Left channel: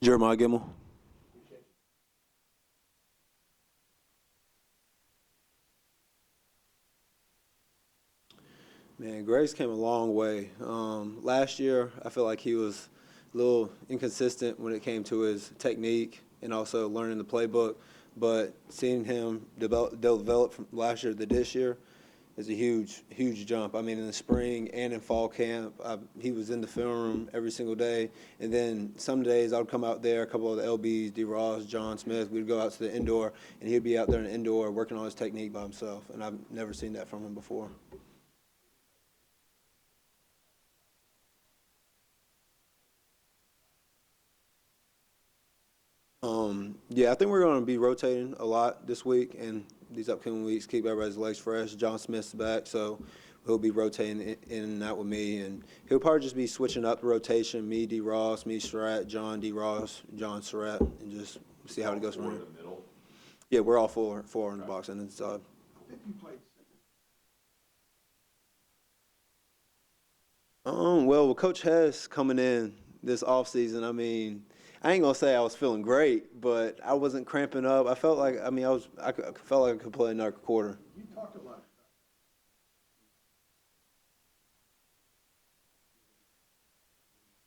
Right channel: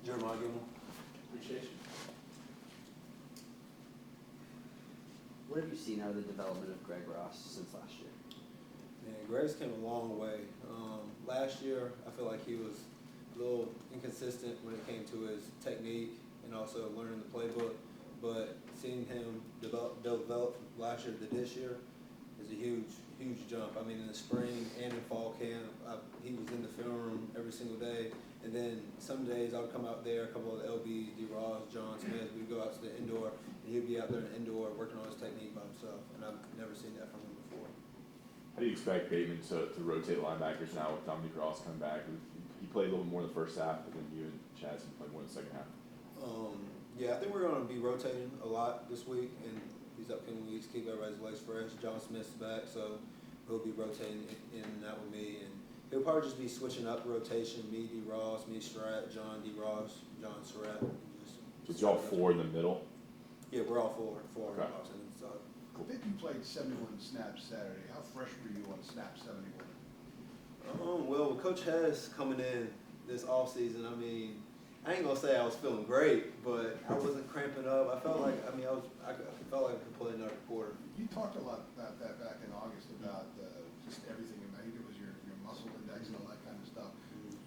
Jeremiah Gemmel. Appreciate you. What have you seen out of the development of Greg Ross since last year? Man, Greg's came a long way. Last year, I feel like he was a little inconsistent when it came to his technique and also learning the playbook. But seeing him develop from last year to this year is a huge jump. I mean, in the spring and in fall camp, he was in the film room every single day. And then some days I would come out there, a couple of the LBs, D. Ross, John Smith, we'd go out to the indoor, and he'd be out there in the indoor working on his technique by himself. And I've never seen that from him before. How do you expect Bateman to rotate linebackers now with Dominique Ross coming back? He played a little more in the first half, but then you and Chaz can play more in the second half. Yeah, I think we're going to be rotating a lot this week and these upcoming weeks. Keep everybody's legs fresh. John Smith's back, so he'll be rotating in and out with me, and he'll probably just be switching up the rotation. Me, D. Ross, me, Surratt, John, D. Ross, John, Surratt, and just see how it goes. Four in the middle. Yeah, we're all four in the box and inside. I think you played 71 snaps Saturday. How fresh were you on snap 71? Well, with Coach Hess coming in this offseason, I mean, I ain't gonna say I was feeling great, but I wasn't cramping up. I felt like I felt like I could play another quarter. You talked a lot about that back in August about just everything. I think it was your muscle index and all that kind of stuff.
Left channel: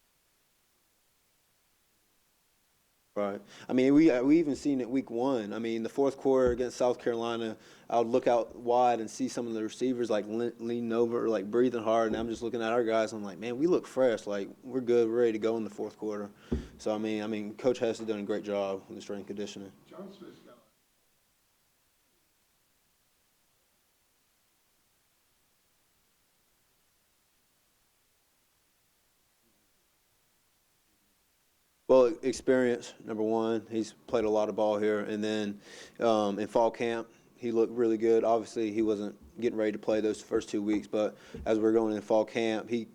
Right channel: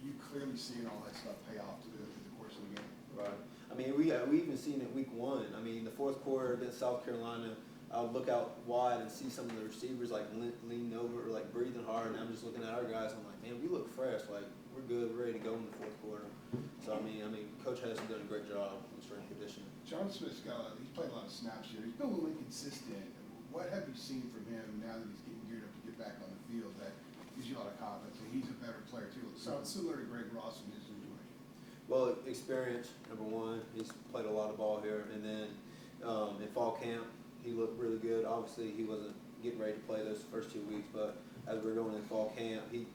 You clearly seeing all that stuff pay off through the course of the game. Right. I mean, we even seen it week one. I mean, the fourth quarter against South Carolina, I would look out wide and see some of the receivers like leaning over, like breathing hard, and I'm just looking at our guys. And I'm like, man, we look fresh. Like we're good. We're ready to go in the fourth quarter. So I mean, Coach Hess has done a great job in the strength and conditioning. John Smith's he's played a lot of snaps here. He's been a little inconsistent. What have you seen from him now that he's getting geared up to get back on the field that gives you a lot of confidence? And he's a better player too. It sounds similar to Greg Ross in his situation. Well, experience, number one. He's played a lot of ball here. And then in fall camp, he looked really good. Obviously, he wasn't getting ready to play those first 2 weeks. But as we're going in fall camp, he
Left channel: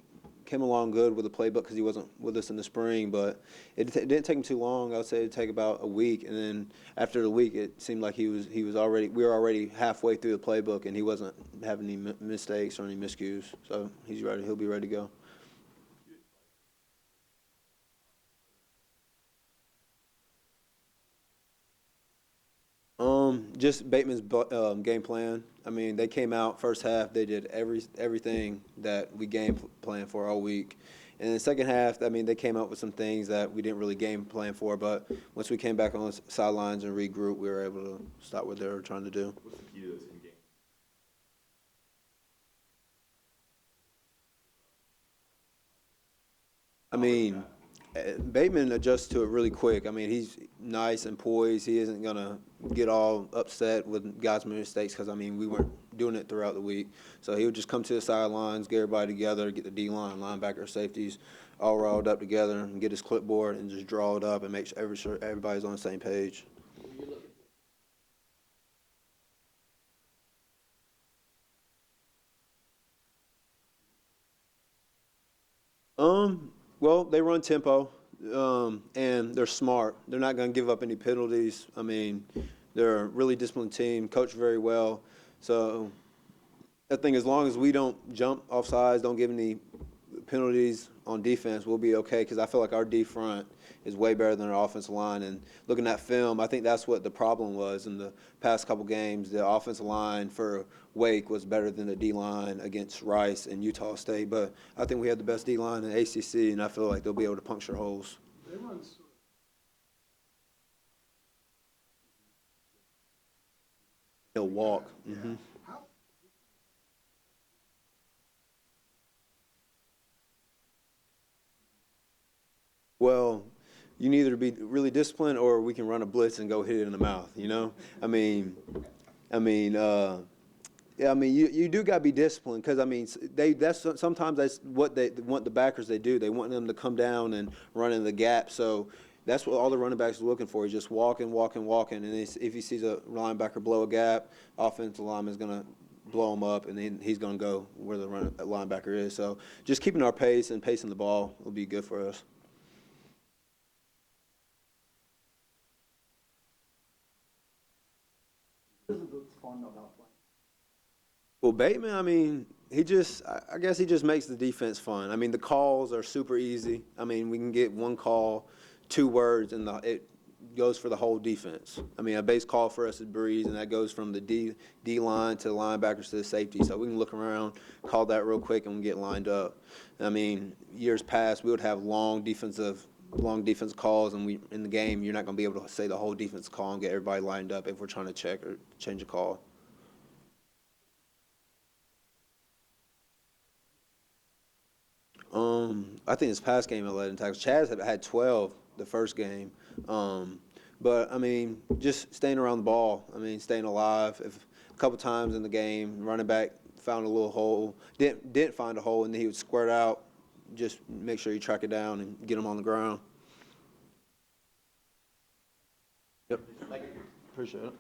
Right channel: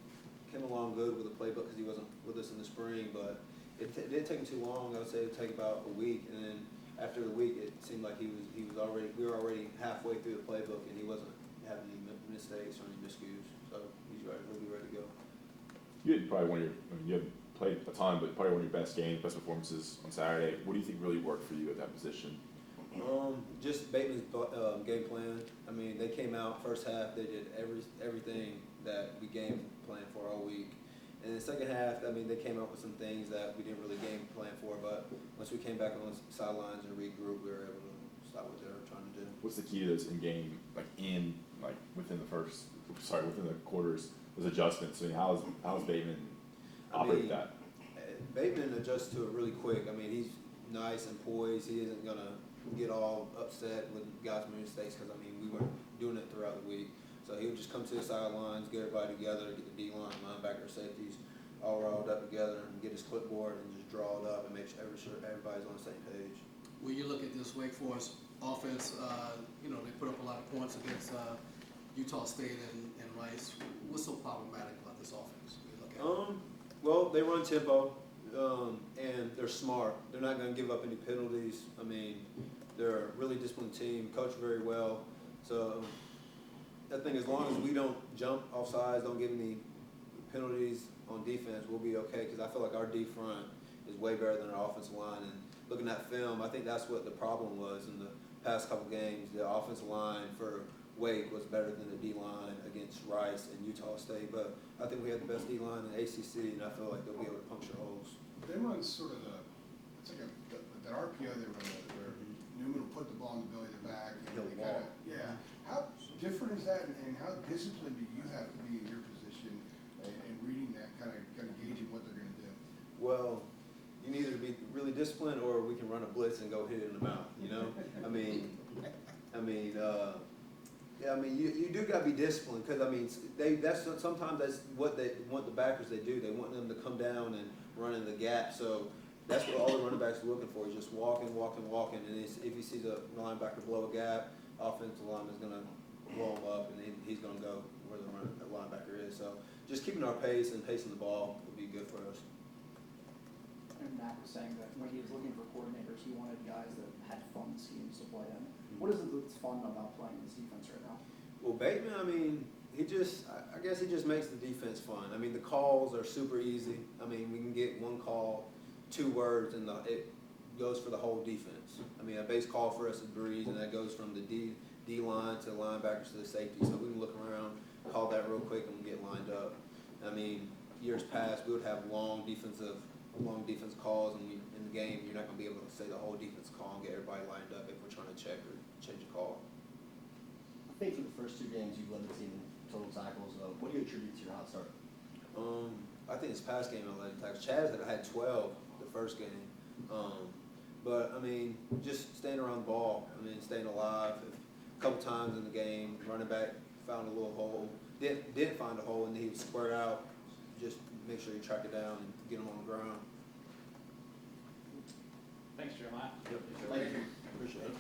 came along good with the playbook because he wasn't with us in the spring. But it didn't take him too long. I would say it would take about a week. And then after the week, it seemed like we were already halfway through the playbook, and he wasn't having any mistakes or any miscues. So he's ready. He'll be ready to go. You had probably you haven't played a ton, but probably one of your best games, best performances on Saturday. What do you think really worked for you at that position? Just Bateman's game plan. I mean, they came out first half. They did everything that we game plan for all week. And in the second half, I mean, they came up with some things that we didn't really game plan for. But once we came back on the sidelines and regroup, we were able to stop what they were trying to do. What's the key to this in-game, within the quarters, those adjustments? I mean, how's Bateman? I mean, Bateman adjusts to it really quick. I mean, he's nice and poised. He isn't going to get all upset with guys' mistakes because, I mean, we weren't doing it throughout the week. So he would just come to the sidelines, get everybody together, get the D-line, linebacker, safeties all rolled up together and get his clipboard and just draw it up and make sure everybody's on the same page. When you look at this Wake Forest offense, they put up a lot of points against Utah State and Rice. What's so problematic about this offense? Well, they run tempo, and they're smart. They're not going to give up any penalties. I mean, they're a really disciplined team, coached very well. So I think as long as we don't jump off sides, don't give any penalties on defense, we'll be okay because I feel like our D front is way better than our offensive line. And looking at film, I think that's what the problem was in the past couple games. The offensive line for Wake was better than the D-line against Rice and Utah State. But I think we have the best D-line in the ACC, and I feel like they'll be able to puncture holes. They run sort of that RPO they run where Newman will put the ball in the belly of the back. He'll walk. Yeah. Mm-hmm. How different is that, and how disciplined do you have to be in your position and reading that, kind of gauging what they're going to do? Well, you need either to be really disciplined or we can run a blitz and go hit it in the mouth, Yeah, I mean, you do got to be disciplined because, I mean, sometimes that's what they want the backers they do. They want them to come down and run in the gap. So that's what all the running backs are looking for. He's just walking. And if he sees a linebacker blow a gap, offensive lineman is going to blow him up, and then he's going to go where the linebacker is. So just keeping our pace and pacing the ball will be good for us. And Matt was saying that when he was looking for coordinators, he wanted guys that had fun schemes to play in. What is it that's fun about playing this defense right now? Well, Bateman, I mean, I guess he just makes the defense fun. I mean, the calls are super easy. I mean, we can get one call 2 words, and it goes for the whole defense. I mean, a base call for us is breeze, and that goes from the D line to the linebackers to the safety. So we can look around, call that real quick, and we get lined up. I mean, years past, we would have long defense calls, and in the game, you're not going to be able to say the whole defense call and get everybody lined up if we're trying to check or change a call. I think for the first 2 games, you led the team in total tackles. What do you attribute to your hot start? I think this past game I led in tackles. Chaz had 12 the first game. But, I mean, just staying around the ball. I mean, staying alive. If a couple times in the game, running back found a little hole. Didn't find a hole, and then he would squirt out. Just make sure you track it down and get him on the ground. Thanks, Jeremiah. Yep. Thank you. Appreciate it.